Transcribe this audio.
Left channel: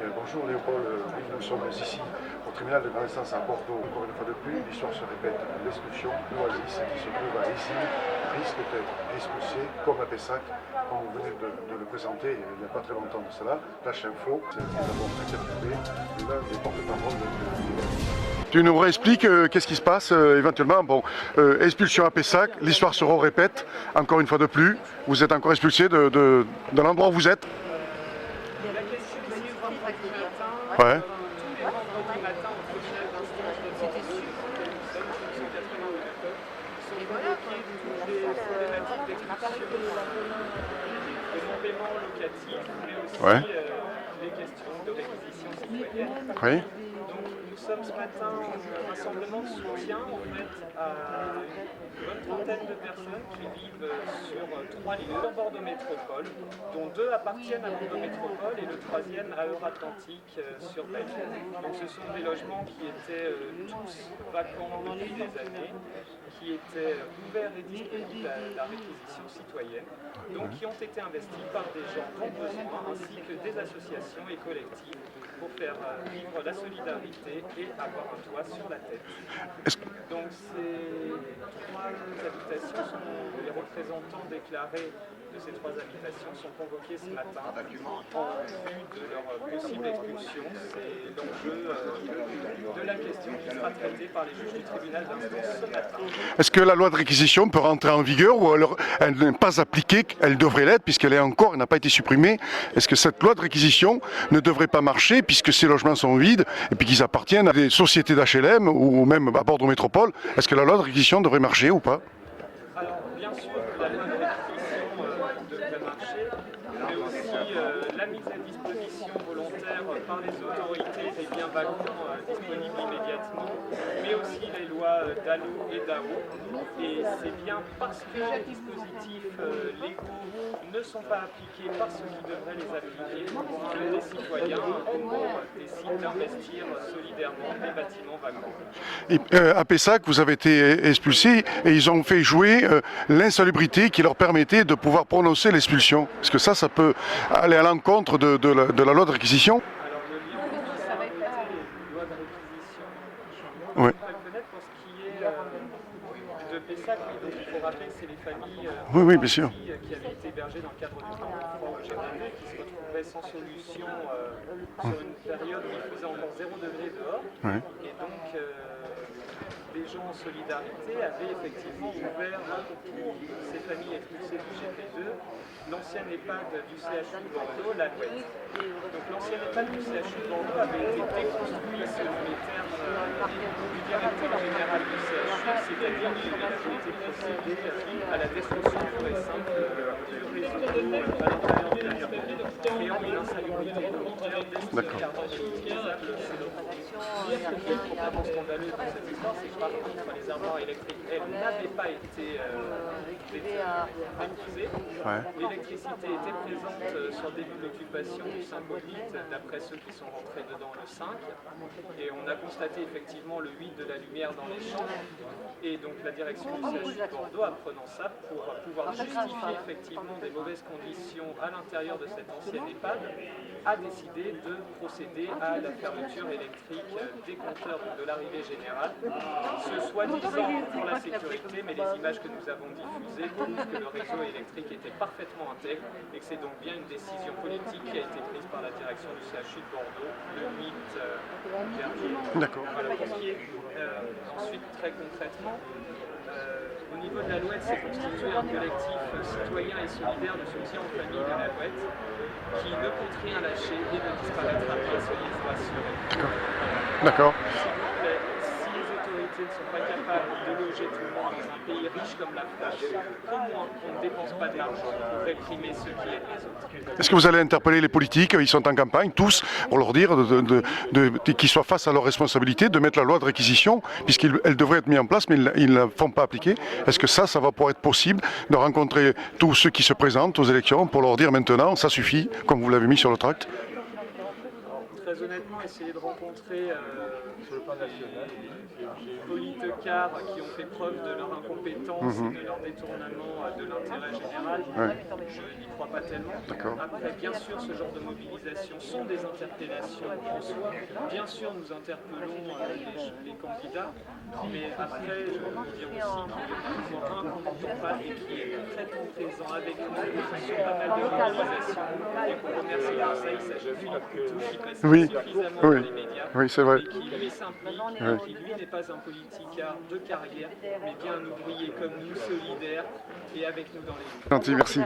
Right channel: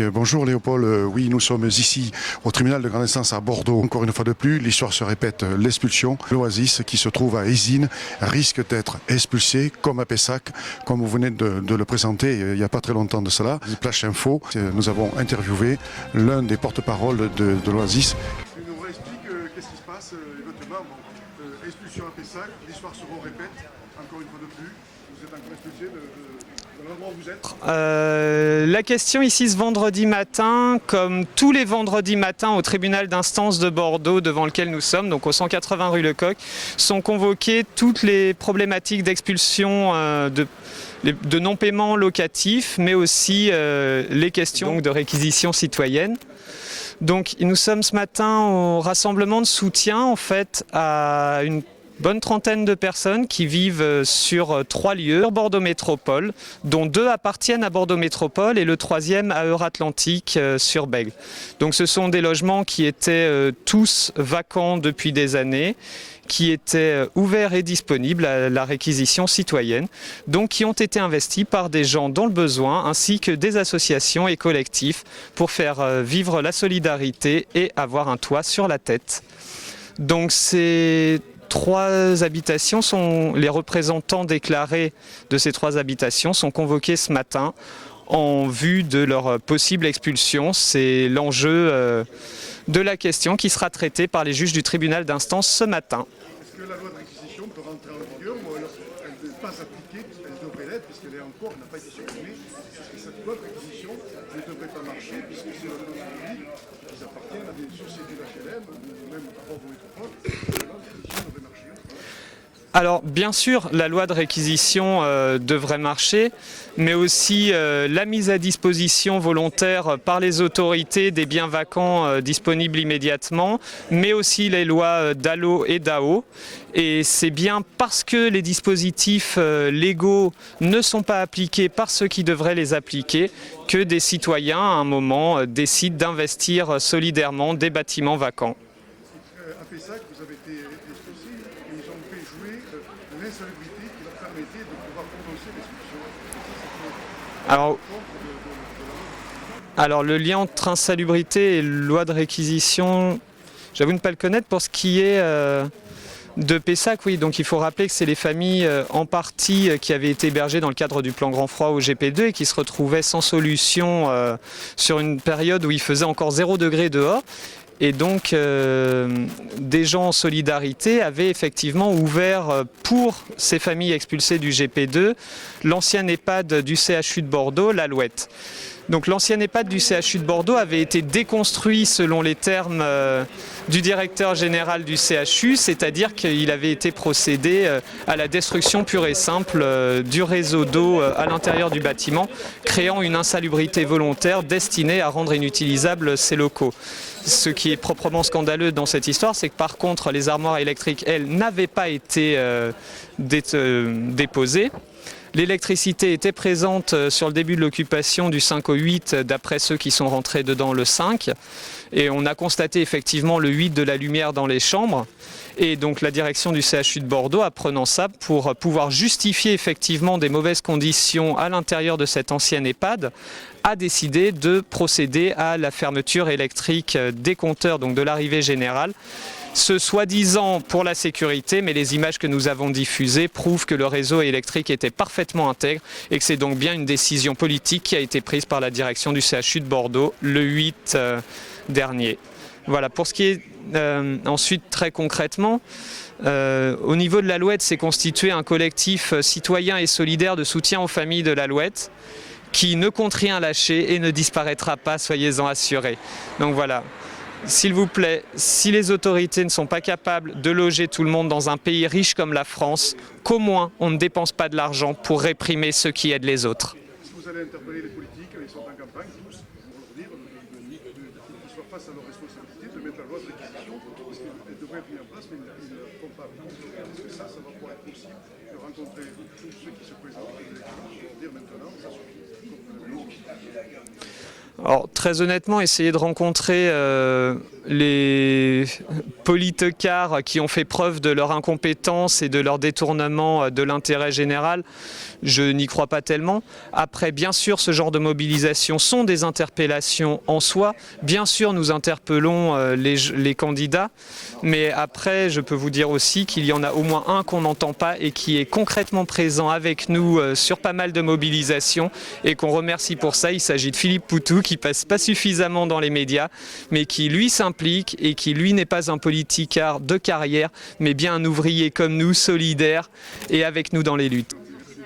Oui, bonjour Léopold. Oui, nous sommes ici au tribunal de grande instance à Bordeaux. Encore une fois de plus, l'histoire se répète. L'expulsion, l'Oasis qui se trouve à Ézines risque d'être expulsé comme à Pessac, comme vous venez de le présenter il n'y a pas très longtemps de cela. Splash Info, nous avons interviewé l'un des porte-parole de l'Oasis. Tu nous réexpliques qu'est-ce qui se passe éventuellement. Bon, expulsion à Pessac, l'histoire se répète encore une fois de plus. Vous êtes encore expulsé de l'endroit où vous êtes. La question ici ce vendredi matin, Ouais. comme tous les vendredis matins au tribunal d'instance de Bordeaux devant lequel nous sommes, donc au 180 rue Lecoq, sont convoquées toutes les problématiques d'expulsion de non-paiement locatif, mais aussi les questions de réquisition citoyenne. Oui. Donc nous sommes ce matin au rassemblement de soutien en fait à une bonne trentaine de personnes qui vivent sur 3 lieux, Bordeaux Métropole, dont 2 appartiennent à Bordeaux Métropole et le 3e à Euratlantique sur Bègles. Donc ce sont des logements qui étaient tous vacants depuis des années, qui étaient ouverts et disponibles à la réquisition citoyenne, donc qui ont été investis par des gens dans le besoin, ainsi que des associations et collectifs pour faire vivre la solidarité et avoir un toit sur la tête. Donc ces 3 habitations les représentants déclarés de ces 3 habitations sont convoqués ce matin en vue de leur possible expulsion. C'est l'enjeu de la question qui sera traitée par les juges du tribunal d'instance ce matin. Est-ce que la loi de réquisition peut rentrer en vigueur ou alors elle n'est pas appliquée? Elle devrait l'être puisqu'elle n'a pas été supprimée. Est-ce que cette loi de réquisition ne devrait pas marcher puisque ces logements sont vides et puis qu'ils appartiennent à des sociétés d'HLM ou même à Bordeaux Métropole? Est-ce que la loi de réquisition devrait marcher ou pas? Alors bien sûr, la loi de réquisition devrait marcher, mais aussi la mise à disposition volontaire par les autorités des biens vacants disponibles immédiatement, mais aussi les lois DALO et DAO. Et c'est bien parce que les dispositifs légaux ne sont pas appliqués par ceux qui devraient les appliquer que des citoyens, à un moment, décident d'investir solidairement des bâtiments vacants. Et, à Pessac, vous avez été expulsés et ils ont fait jouer l'insalubrité qui leur permettait de pouvoir prononcer l'expulsion. Est-ce que ça peut aller à l'encontre de la loi de réquisition? Alors le lien entre insalubrité et loi de réquisition, j'avoue ne pas le connaître. Pour ce qui est de Pessac, oui, donc il faut rappeler que c'est les familles en partie qui avaient été hébergées dans le cadre du plan Grand Froid au GP2 et qui se retrouvaient sans solution sur une période où il faisait encore 0 degré dehors. Ouais. Et donc des gens en solidarité avaient effectivement ouvert pour ces familles expulsées du GP2 l'ancien EHPAD du CHU de Bordeaux, l'Alouette. Donc l'ancien EHPAD du CHU de Bordeaux avait été déconstruit selon les termes du directeur général du CHU, c'est-à-dire qu'il avait été procédé à la destruction pure et simple du réseau d'eau à l'intérieur du bâtiment, créant une insalubrité volontaire destinée à rendre inutilisables ces locaux. Ce qui est proprement scandaleux dans cette histoire, c'est que par contre les armoires électriques, elles, n'avaient pas été déposées. Ouais. L'électricité était présente sur le début de l'occupation du 5 au 8, d'après ceux qui sont rentrés dedans le 5. Et on a constaté effectivement le 8 de la lumière dans les chambres. Et donc la direction du CHU de Bordeaux, apprenant ça, pour pouvoir justifier effectivement des mauvaises conditions à l'intérieur de cette ancienne EHPAD, a décidé de procéder à la fermeture électrique des compteurs, donc de l'arrivée générale. Ce soi-disant pour la sécurité, mais les images que nous avons diffusées prouvent que le réseau électrique était parfaitement intègre et que c'est donc bien une décision politique qui a été prise par la direction du CHU de Bordeaux le 8 dernier. Voilà, pour ce qui est ensuite très concrètement, au niveau de l'Alouette, s'est constitué un collectif citoyen et solidaire de soutien aux familles de l'Alouette, qui ne compte rien lâcher et ne disparaîtra pas, soyez-en assurés. Donc voilà. S'il vous plaît, si les autorités ne sont pas capables de loger tout le monde dans un pays riche comme la France, qu'au moins on ne dépense pas de l'argent pour réprimer ceux qui aident les autres. Est-ce que vous allez interpeller les politiques? Ils sont en campagne, tous, pour leur dire qu'ils soient face à leurs responsabilités, de mettre la loi de réquisition, puisqu'elle devrait être mise en place, mais ils ne la font pas appliquer. Est-ce que ça va pouvoir être possible de rencontrer tous ceux qui se présentent aux élections pour leur dire maintenant, ça suffit, comme vous l'avez mis sur le tract? Alors, très honnêtement, essayer de rencontrer les politicards qui ont fait preuve de leur incompétence et de leur détournement de l'intérêt général, je n'y crois pas tellement. Après, bien sûr, ce genre de mobilisation sont des interpellations en soi. Bien sûr, nous interpellons les candidats. Mais après, je peux vous dire aussi qu'il y en a au moins un qu'on n'entend pas et qui est concrètement présent avec nous sur pas mal de mobilisations et qu'on remercie pour ça. Il s'agit de Philippe Poutou qui passe pas suffisamment dans les médias, mais qui lui s'implique et qui lui n'est pas un politicard de carrière, mais bien un ouvrier comme nous, solidaire et avec nous dans les luttes. Merci.